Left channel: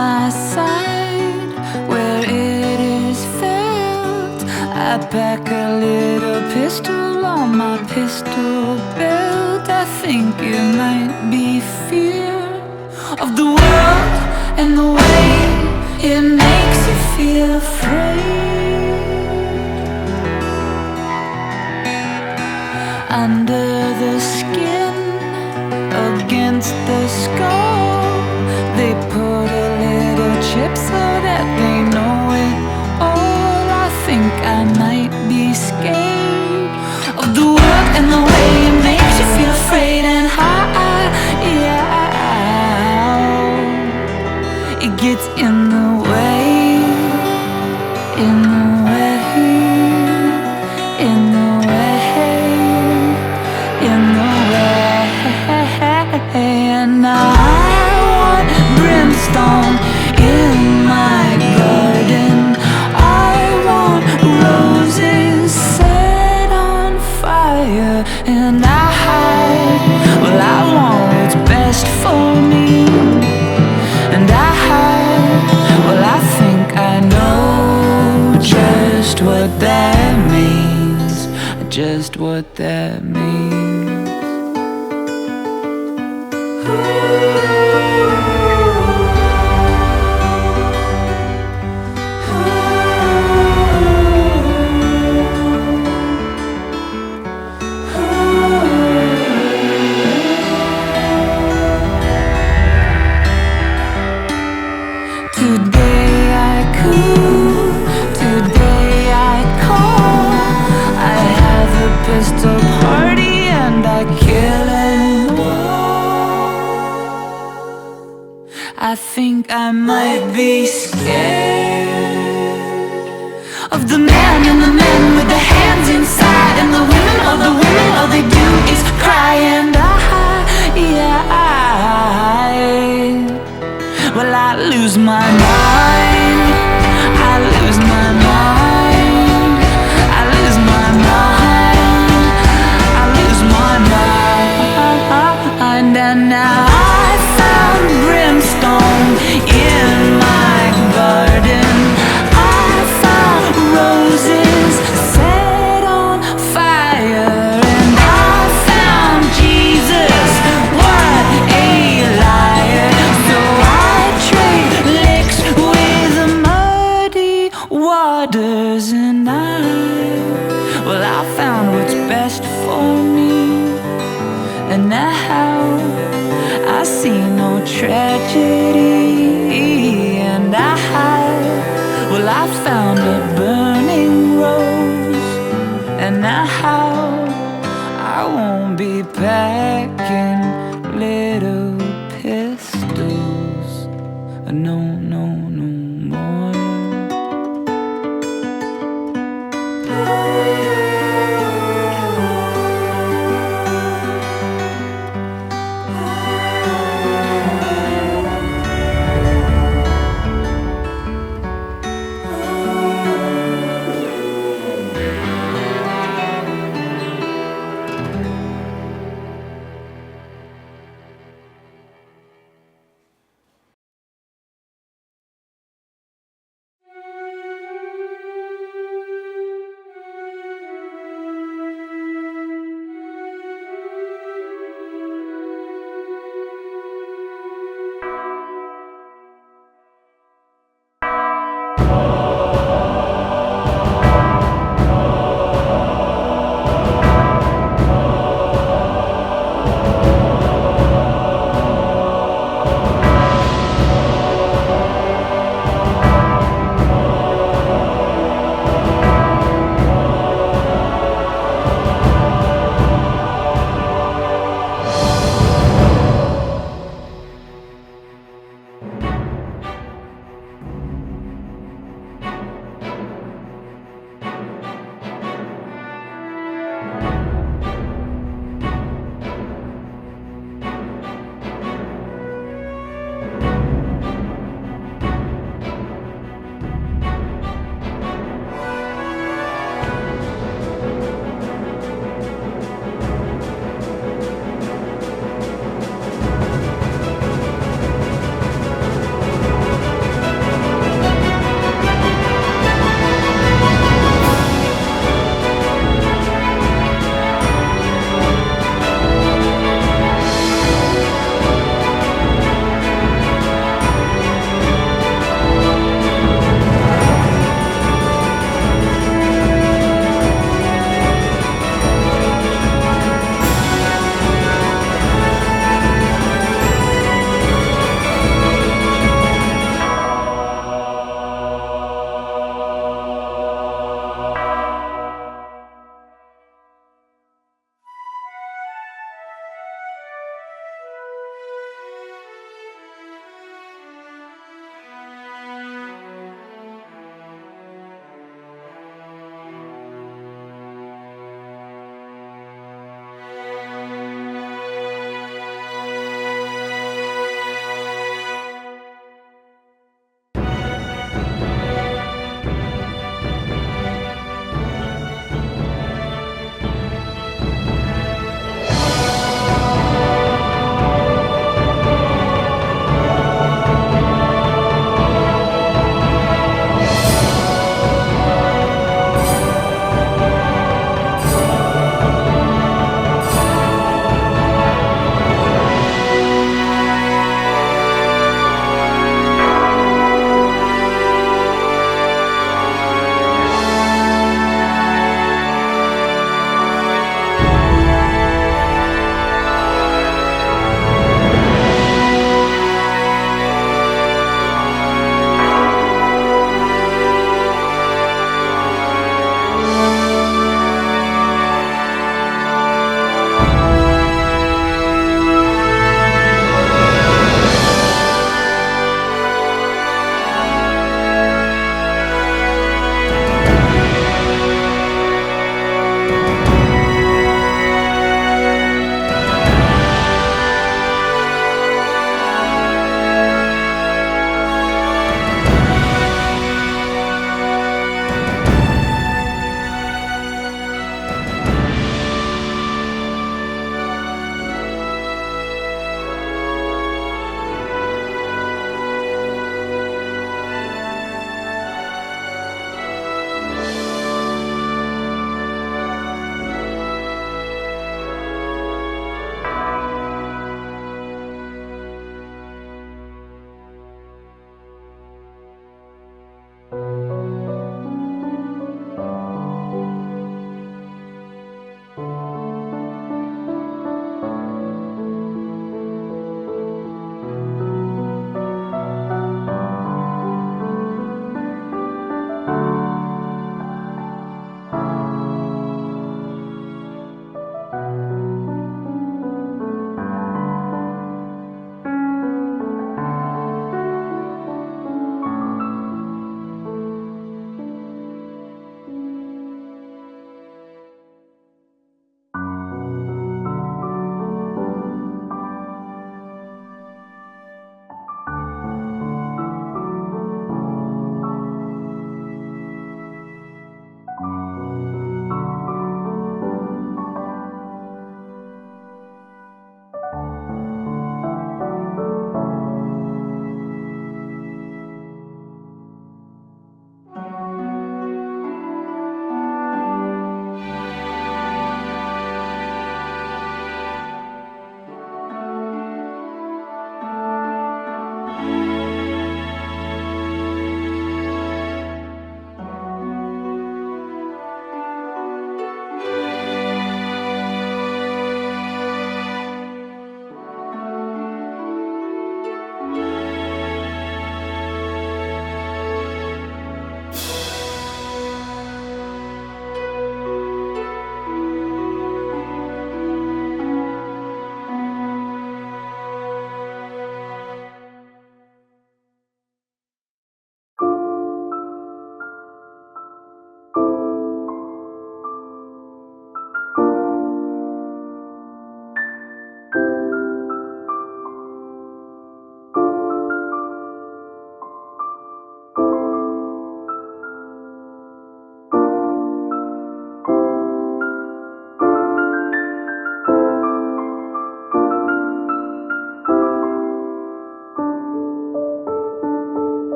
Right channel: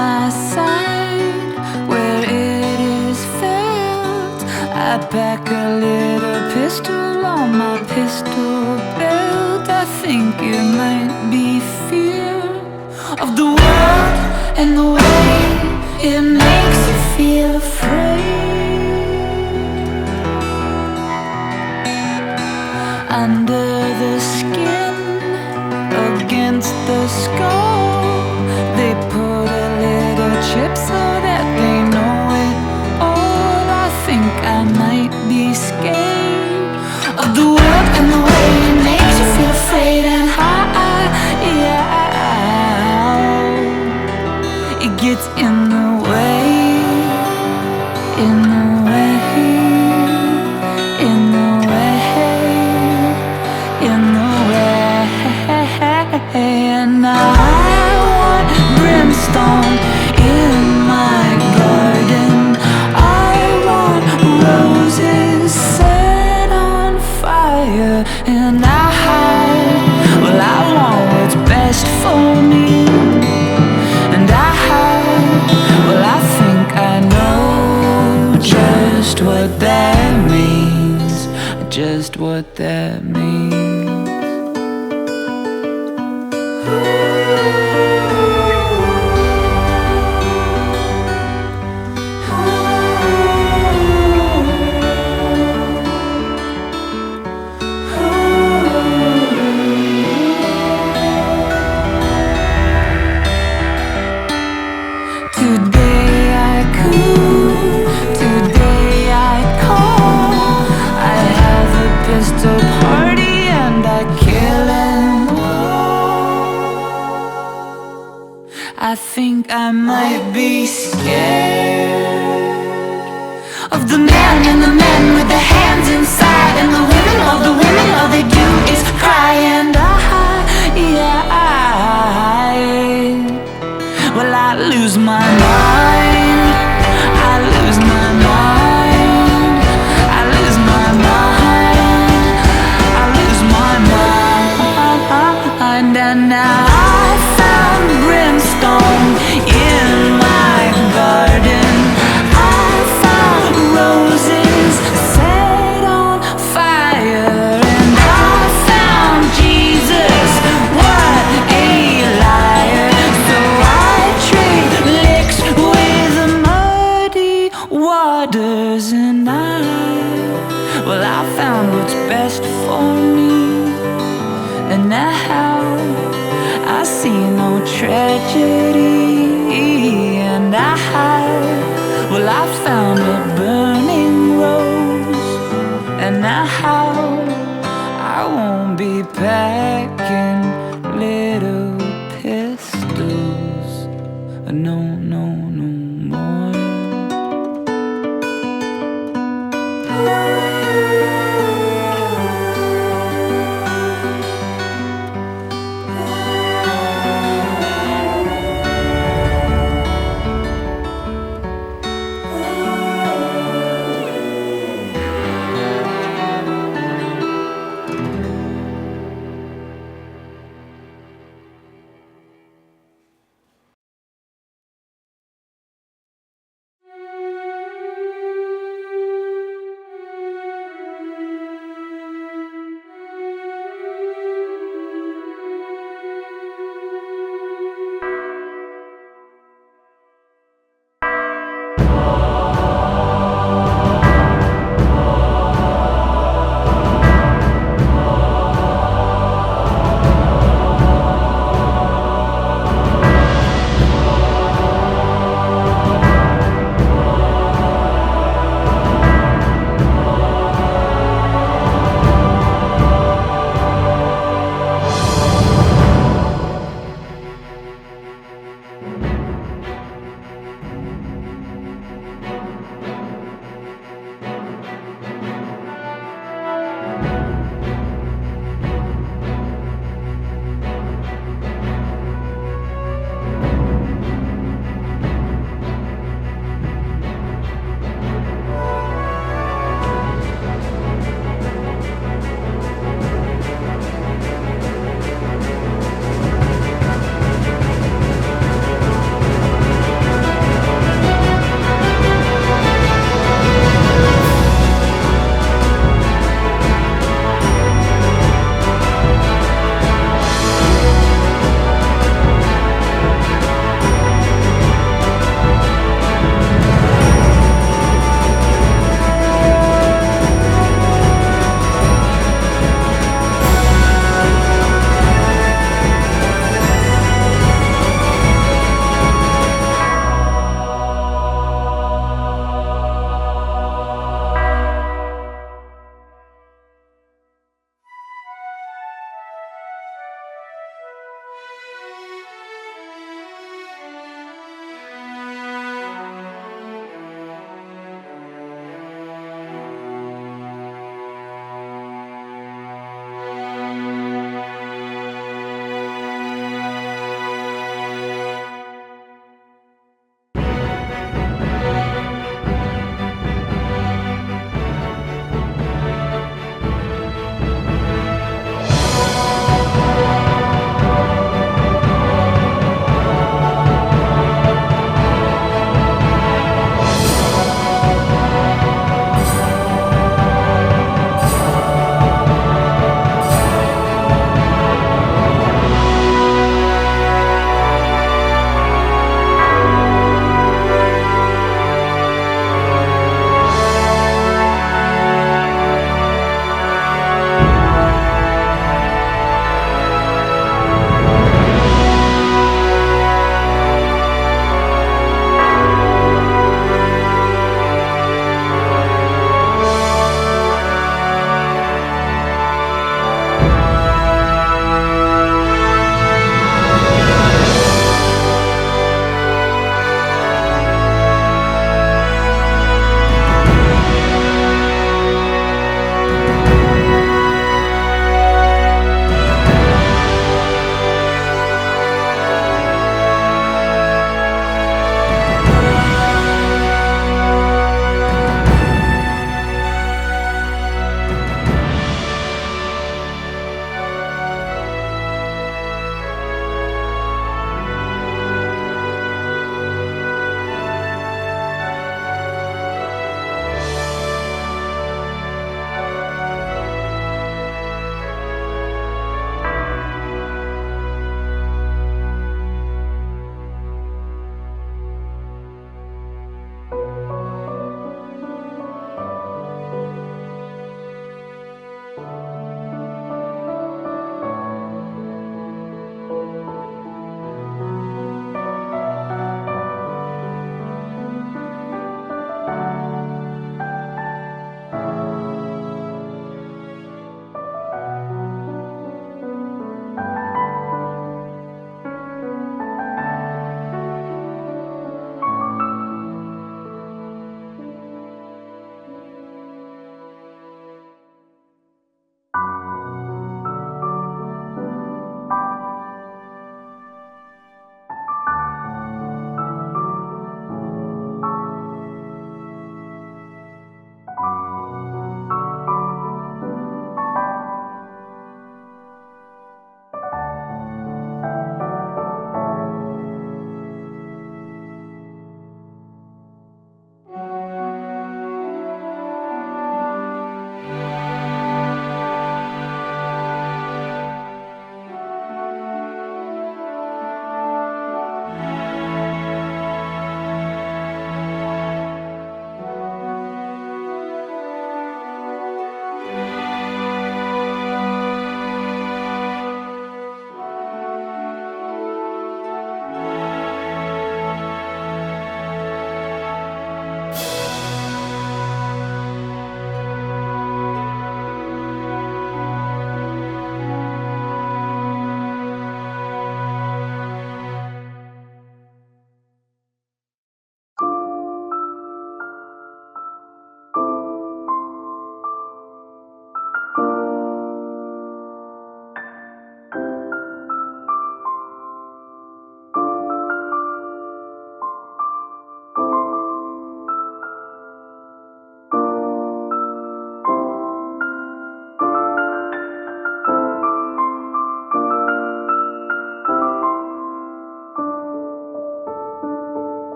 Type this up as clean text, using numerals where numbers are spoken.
my side where it is felt. I pack a little pistol on my pistol belt. I think it might be fear of the world and the way it makes you feel afraid. Under the skin, against the skull, they put a little chip so that they know it all. I think I might be scared of the world and the way it makes you feel afraid and high. Yeah, it gets in the way, in the way, in the way, in the way. And I want brimstone in my garden. I want roses set on fire. And well, I want what's best for me. And well, I think I know just what that means. Just what that means. Today I cool, today I call. I have a pistol party and I kill them all. I think I might be scared of the man and the men with the hands inside, and the women, all they do is cry. And well, I lose my mind, I lose my mind, I lose my mind, I lose my mind. And now I found brimstone in my garden. I found roses set on fire. And I found Jesus, what a liar. So I trade licks with muddy waters. And well, I found what's best for me. And now I see no tragedy. And well, I found a burning rose. And now I won't be packing little pistols. No, no, no more.